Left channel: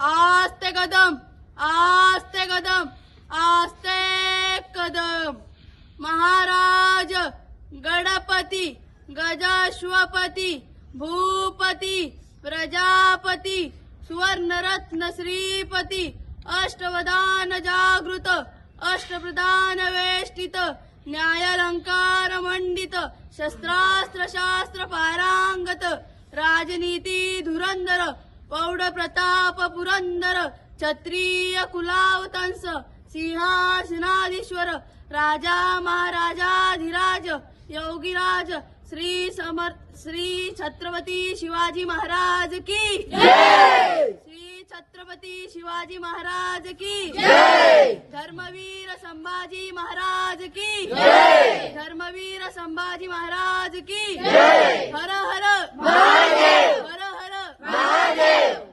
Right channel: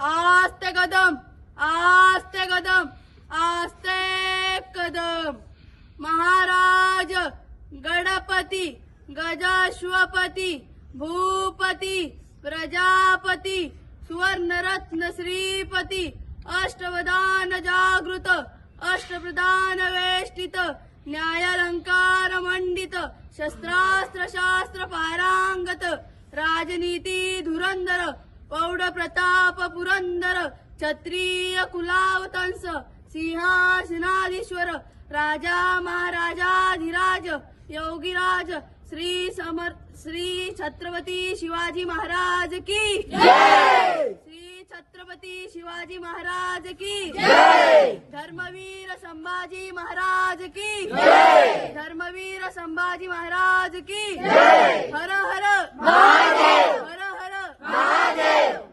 आस्ते कदम, आस्ते कदम, आस्ते कदम. महाराज गणपती गजाश्वपती भूपती प्रजापती सुवर्णरत्न श्रीपती अष्टवदान जागृत अष्टप्रधान वेष्टित न्यायालंकार मंडित शस्त्रास्त्र शास्त्र पारांगत राजनीती धुरंधर पौढ प्रताप पुरंदर क्षत्रिय कुलावतंस सिंहासनाधीश्वर राजा महाराजाधिराज योगीराज श्री छत्रपती शिवाजी महाराज की जय. श्री छत्रपती शिवाजी महाराज की जय. धर्मवीर संभाजी महाराज की जय. धर्मवीर संभाजी महाराज की जय. हर हर महादेव, हर हर महादेव.